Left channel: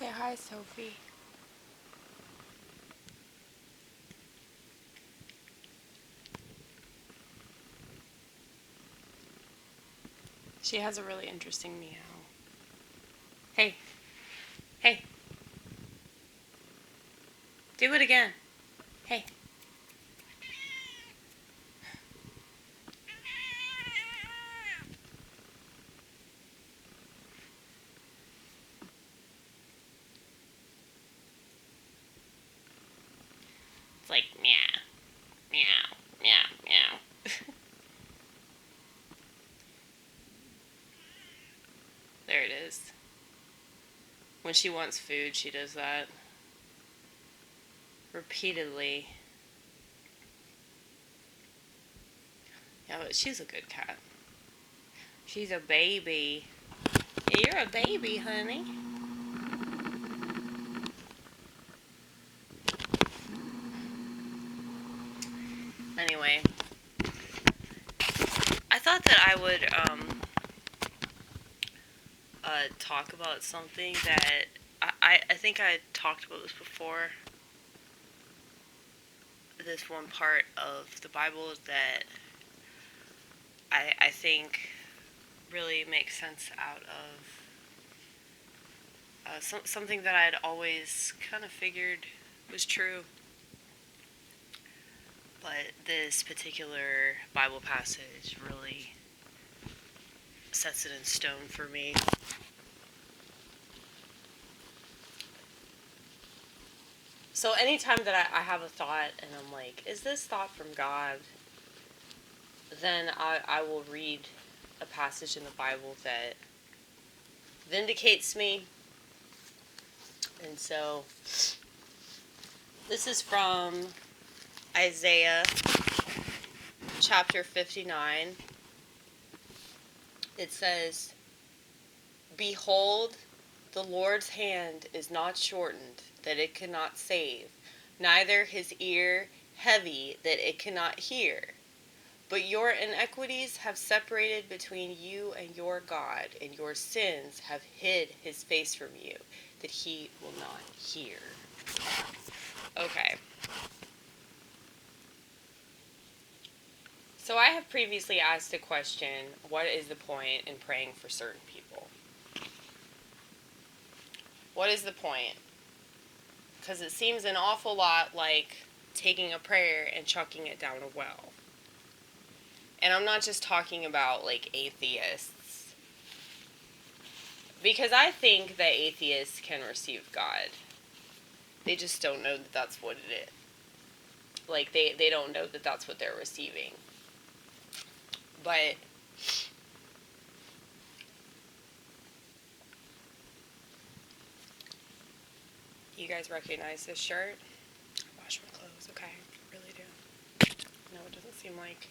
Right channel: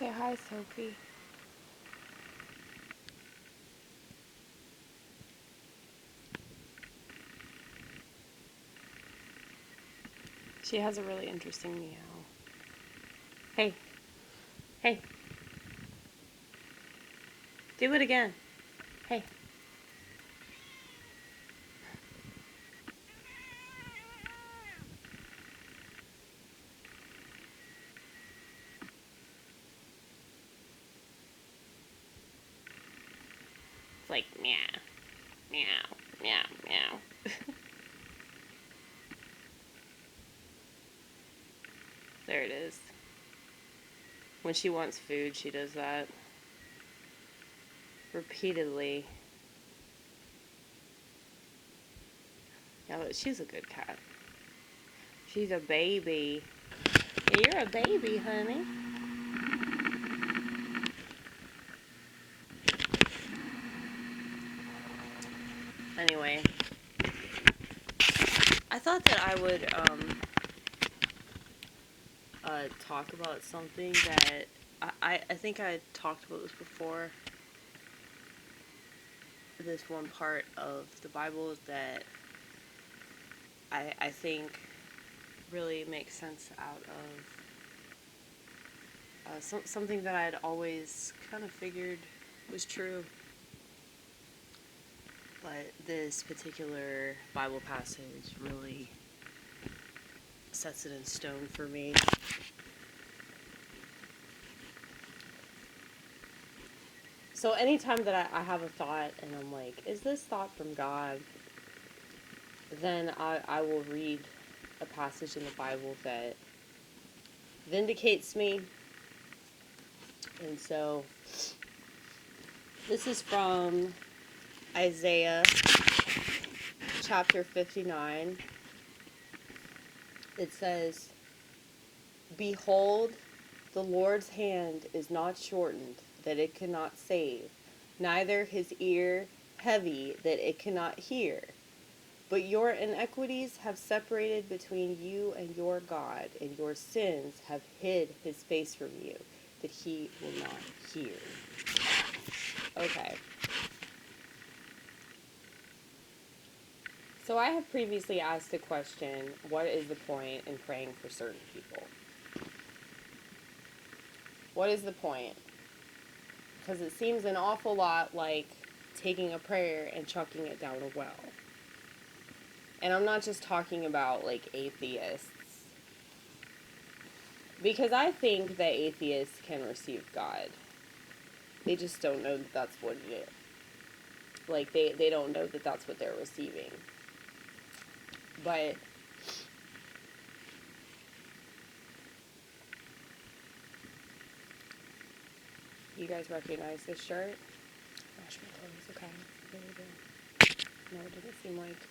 Say hi, Sophie. She has a really interesting meow. Hey, hey, do it again. Hey. It's like meow, meow, meow, meow. There it is. When she wants food, she does that repeatedly. Yeah, but she's a good cat. She's a baby. Yeah, you're a baby, honey. Anyway, I thought that I would talk about something that I think I talked about this before. This one part of the Bible that I think really makes sense out of something that I'd always kind of figured was true. But this particular Bible passage really sets it in stone for me. So anytime that I have a thought and I'm like, is this thought from God? Then I will read a passage in the Bible that vindicates me. And so this is from Isaiah chapter 59. It says, "Behold, the Lord's hand is not shortened, that it cannot save, neither his ear heavy, that it cannot hear. But your iniquities have separated between you and your God, and your sins have hid his face from you, that he will not hear." Okay. So I have previously asked the question, what is the point in praying for certain people? What is the point? Because it seems an awful lot like taking a prayer and chucking it down a well. And I'm not just talking about, like, atheists. Because I think that atheists can receive God. They just don't know that that's what it is. Like, they don't know that that's what they're receiving. But you guys recognize this shirt? Wash my clothes, okay. I really do. No, it doesn't seem like...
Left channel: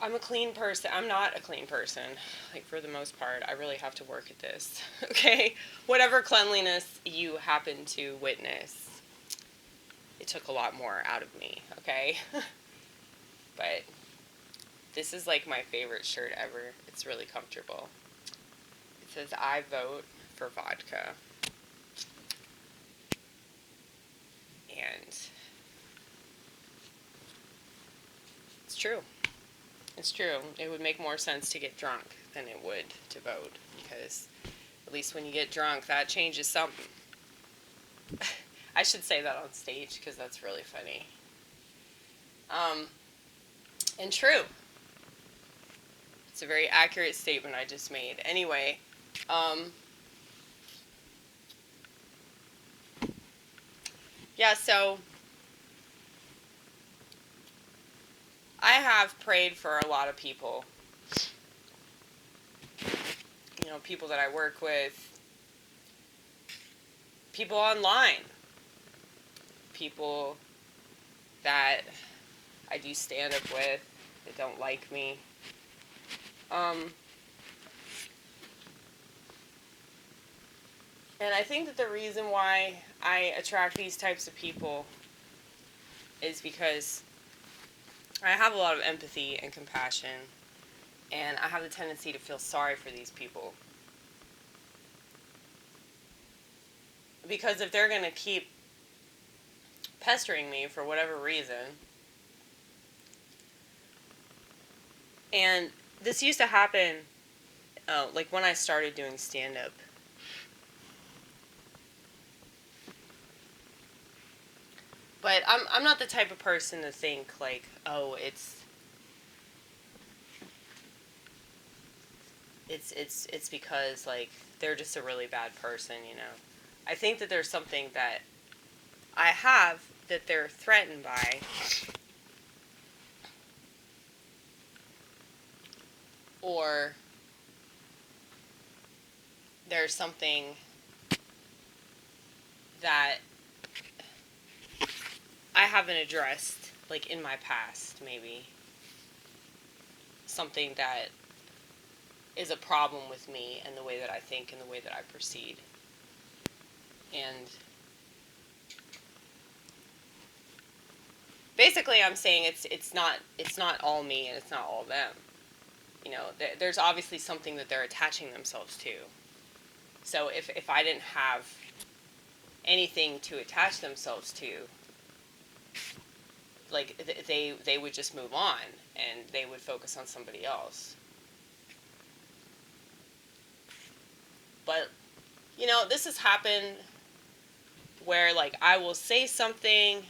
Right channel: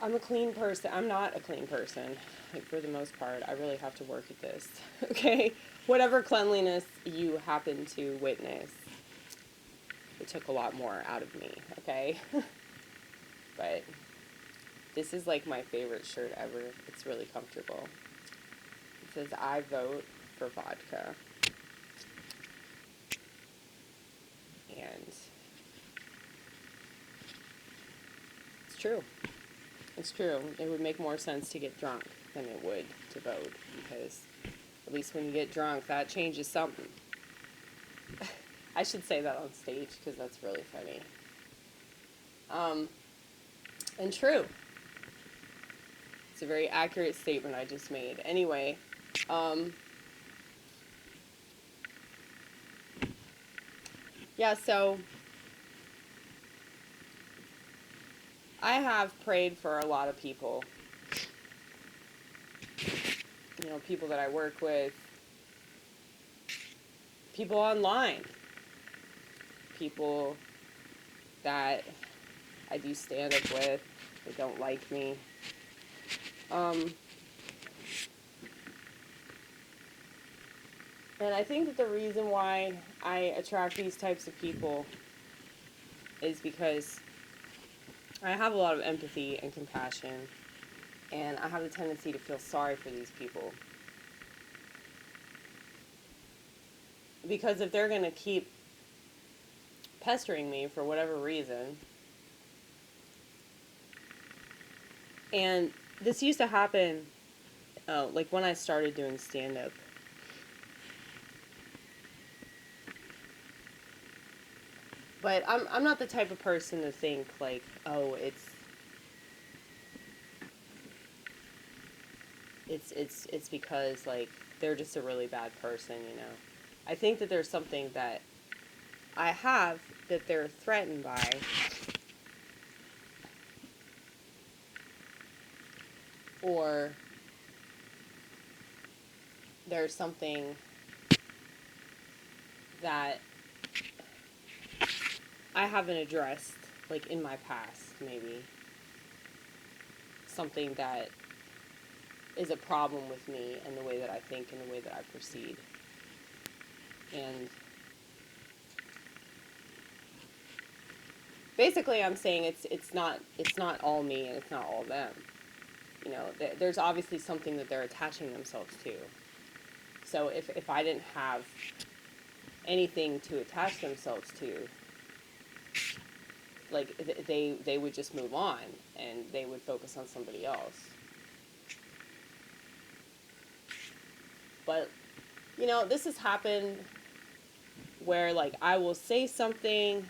I'm a clean person. I'm not a clean person, like, for the most part. I really have to work at this, okay? Whatever cleanliness you happen to witness, it took a lot more out of me, okay? But this is, like, my favorite shirt ever. It's really comfortable. It says, "I vote for vodka." And it's true. It's true. It would make more sense to get drunk than it would to vote, because at least when you get drunk, that changes something. I should say that on stage because that's really funny. And true. It's a very accurate statement I just made. Anyway, yeah, so I have prayed for a lot of people. You know, people that I work with, people online, people that I do stand-up with that don't like me. And I think that the reason why I attract these types of people is because I have a lot of empathy and compassion, and I have the tendency to feel sorry for these people. Because if they're going to keep pestering me for whatever reason, and this used to happen, like when I started doing stand-up. But I'm not the type of person to think like, oh, it's because like they're just a really bad person, you know. I think that there's something that I have that they're threatened by, or there's something that I haven't addressed, like in my past, maybe. Something that is a problem with me and the way that I think and the way that I proceed. And basically I'm saying it's not all me and it's not all them. You know, there's obviously something that they're attaching themselves to. So if I didn't have anything to attach themselves to, like they would just move on and they would focus on somebody else. But you know, this has happened where like I will say something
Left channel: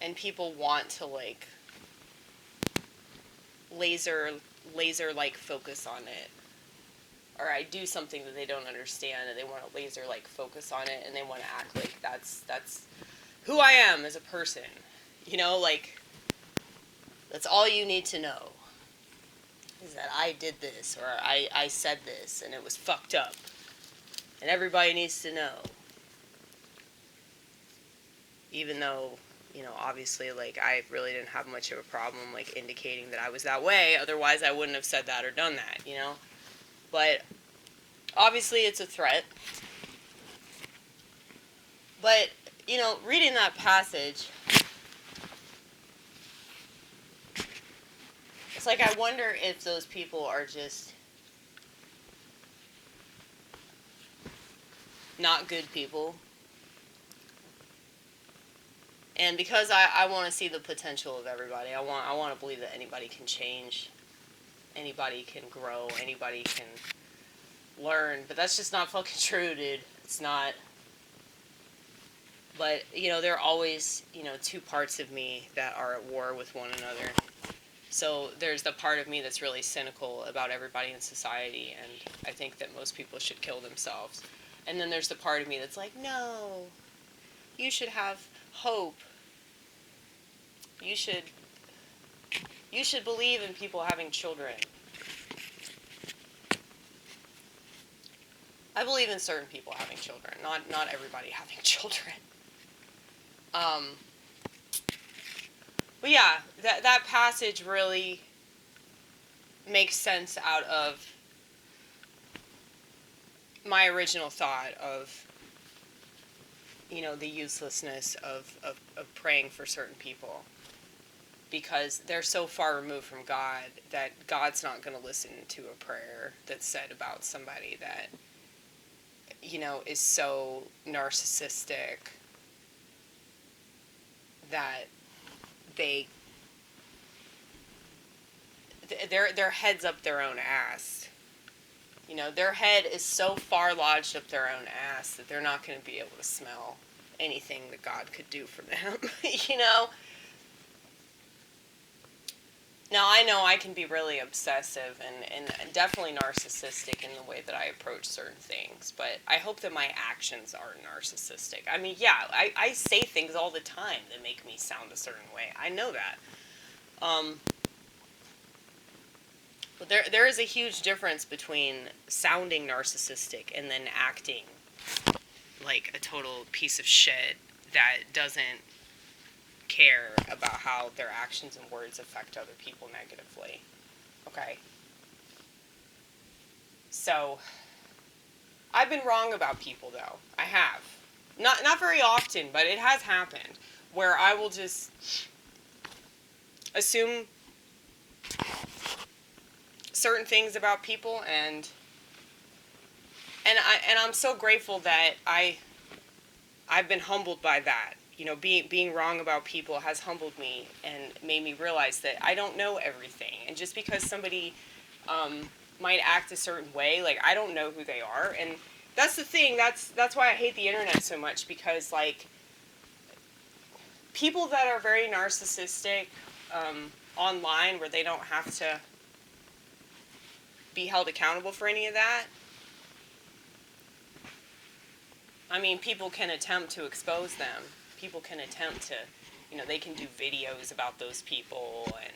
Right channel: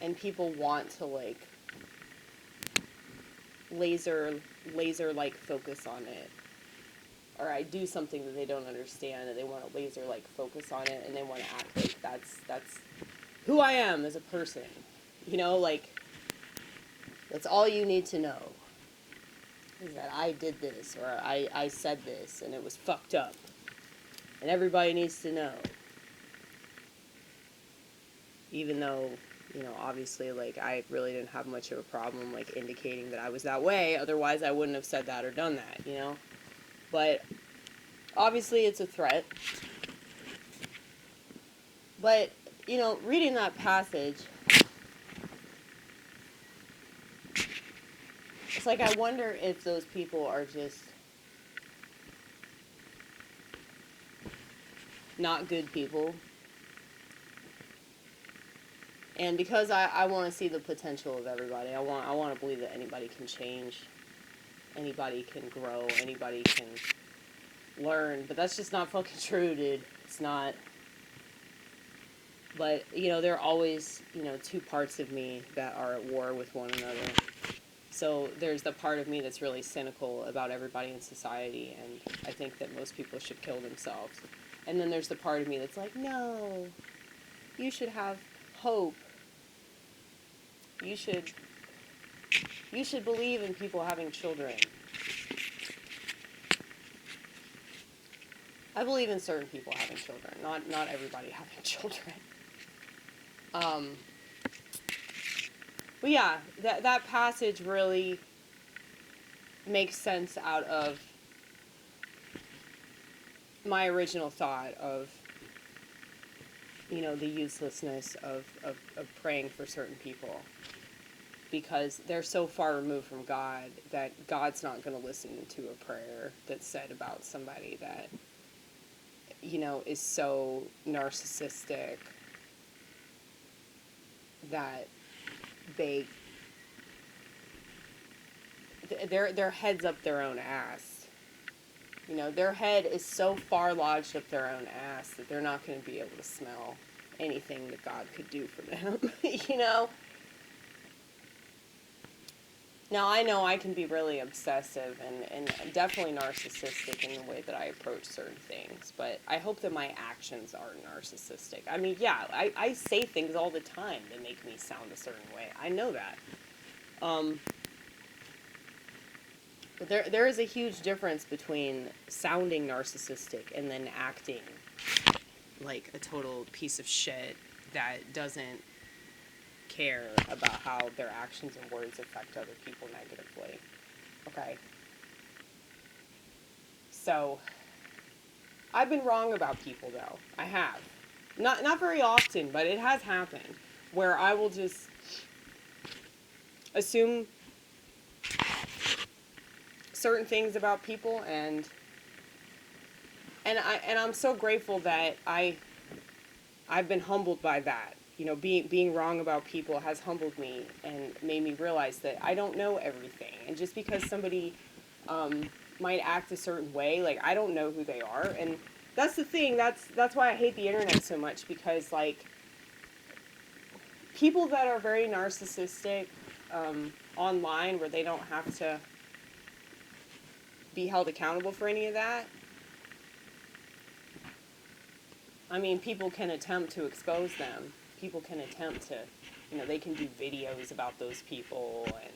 and people want to like laser like focus on it, or I do something that they don't understand and they want to laser like focus on it and they want to act like that's who I am as a person, you know, like that's all you need to know is that I did this or I said this and it was fucked up and everybody needs to know, even though, you know, obviously like I really didn't have much of a problem like indicating that I was that way, otherwise I wouldn't have said that or done that, you know. But obviously it's a threat. But, you know, reading that passage, it's like I wonder if those people are just not good people. And because I want to see the potential of everybody, I want to believe that anybody can change, anybody can grow, anybody can learn. But that's just not fucking true, dude. It's not. But, you know, there are always, you know, two parts of me that are at war with one another. So there's the part of me that's really cynical about everybody in society, and I think that most people should kill themselves. And then there's the part of me that's like, no, you should have hope. You should believe in people having children. I believe in certain people having children, not everybody having children. But yeah, that passage really makes sense out of my original thought of, you know, the uselessness of praying for certain people. Because they're so far removed from God that God's not going to listen to a prayer that's said about somebody that, you know, is so narcissistic that their head's up their own ass. You know, their head is so far lodged up their own ass that they're not going to be able to smell anything that God could do for them, you know? Now, I know I can be really obsessive and definitely narcissistic in the way that I approach certain things, but I hope that my actions aren't narcissistic. I mean, yeah, I say things all the time that make me sound a certain way. I know that. But there is a huge difference between sounding narcissistic and then acting like a total piece of shit that doesn't care about how their actions and words affect other people negatively. Okay? So, I've been wrong about people, though. I have. Not very often, but it has happened, where I will just assume certain things about people, and And I'm so grateful that I've been humbled by that. You know, being wrong about people has humbled me and made me realize that I don't know everything. And just because somebody might act a certain way, like, I don't know who they are. And that's the thing. That's why I hate the internet so much, because, like, people that are very narcissistic online, where they don't have to be held accountable for any of that. I mean, people can attempt to expose them. People can attempt to, you know, they can do videos about those people, and,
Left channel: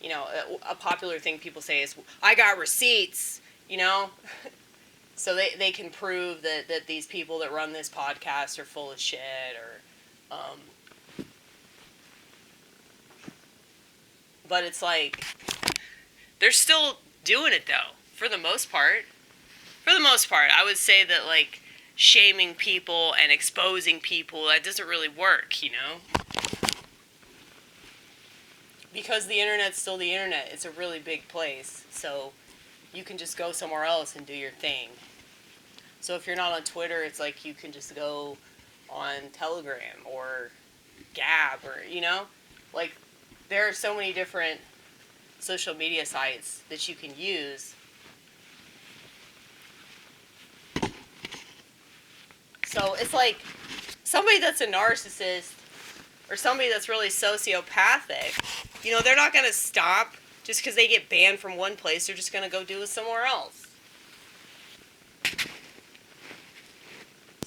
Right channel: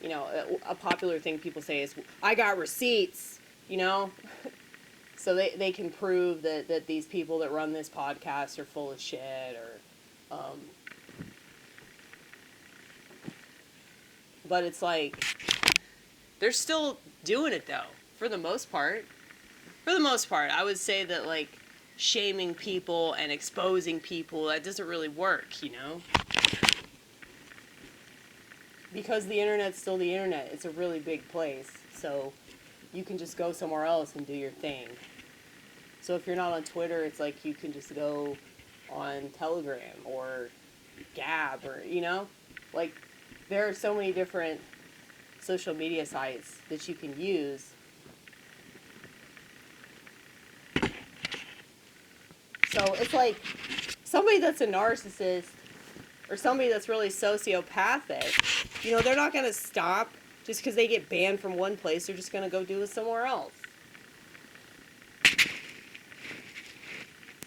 you know, a popular thing people say is, I got receipts, you know? So they can prove that these people that run this podcast are full of shit, or, but it's like, they're still doing it, though, for the most part. For the most part, I would say that, like, shaming people and exposing people, that doesn't really work, you know? Because the internet's still the internet. It's a really big place. So you can just go somewhere else and do your thing. So if you're not on Twitter, it's like you can just go on Telegram or Gab, or, you know? Like, there are so many different social media sites that you can use. So it's like, somebody that's a narcissist or somebody that's really sociopathic, you know, they're not going to stop just because they get banned from one place. They're just going to go do it somewhere else.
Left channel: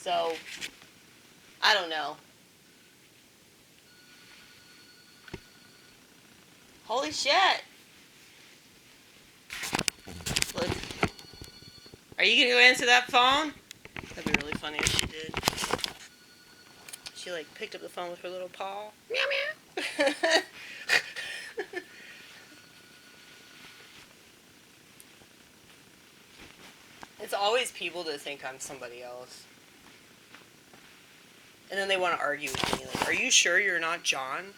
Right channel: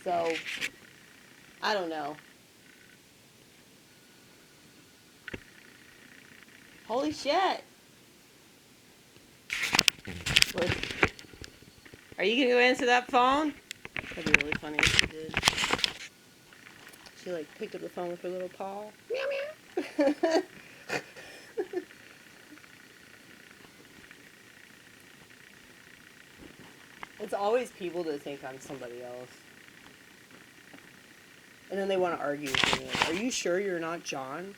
So, I don't know. Holy shit. Look. Are you going to go answer that phone? That'd be really funny if she did. She, like, picked up the phone with her little paw. Meow, meow. It's always people that think I'm somebody else. And then they want to argue with me. Like, are you sure you're not John?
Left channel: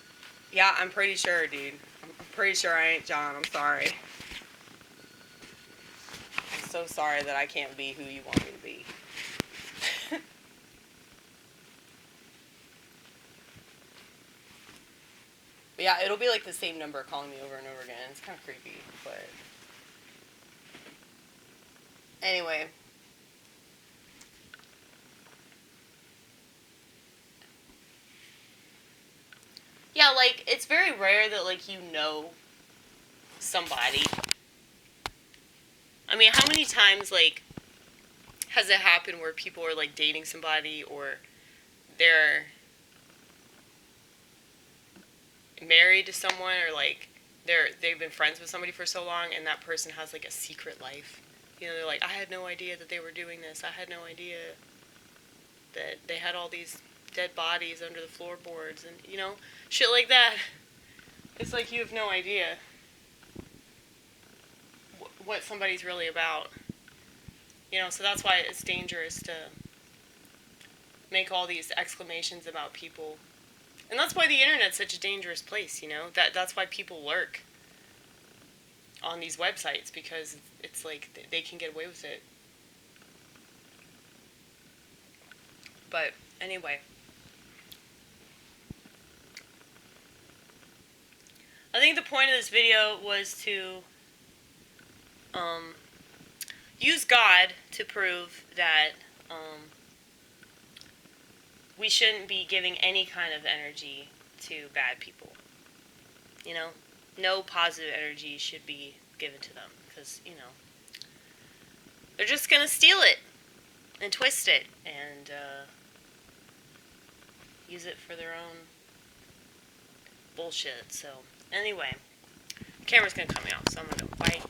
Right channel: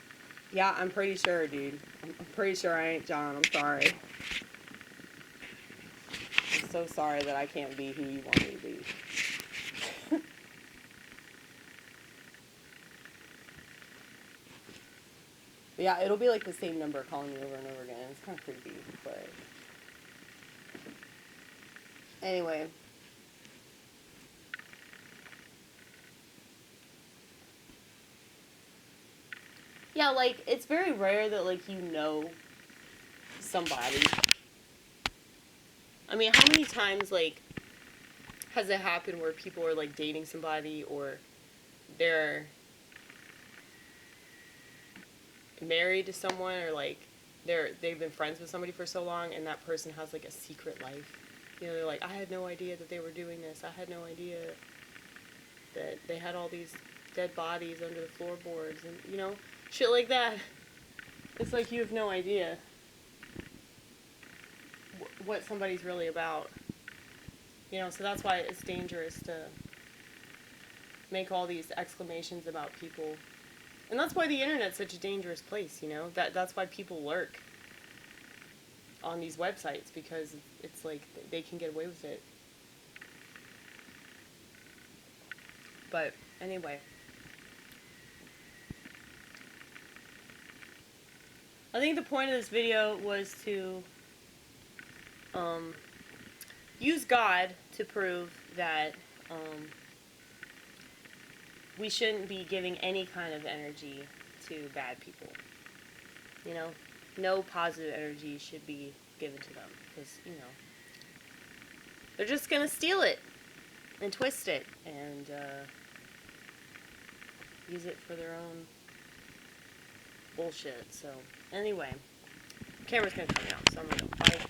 Yeah, I'm pretty sure, dude. I'm pretty sure I ain't John. I'm sorry. I'm so sorry that I can't be who you want me to be. But yeah, it'll be like the same number calling me over and over again. It's kind of creepy, but... Anyway. Yeah, like, it's very rare that, like, you know somebody. I mean, how many times, like, has it happened where people are, like, dating somebody, or they're married to someone, or, like, they've been friends with somebody for so long, and that person has, like, a secret life. You know, they're like, I had no idea that they were doing this. I had no idea that they had all these dead bodies under the floorboards, and, you know, shit like that. It's like you have no idea what somebody's really about. You know, so that's why it's dangerous to make all these exclamations about people. And that's why the internet's such a dangerous place, you know? That's why people lurk on these websites, because it's like they can get away with it. But anyway, I think the point of this video was to use God to prove that we shouldn't be giving any kind of energy to bad people. You know, no positive energy should be given to them, because, you know, they're just gonna steal it and twist it and use it for their own bullshit. So anyway, camera's gonna cut me off, so I'm gonna go. Bye.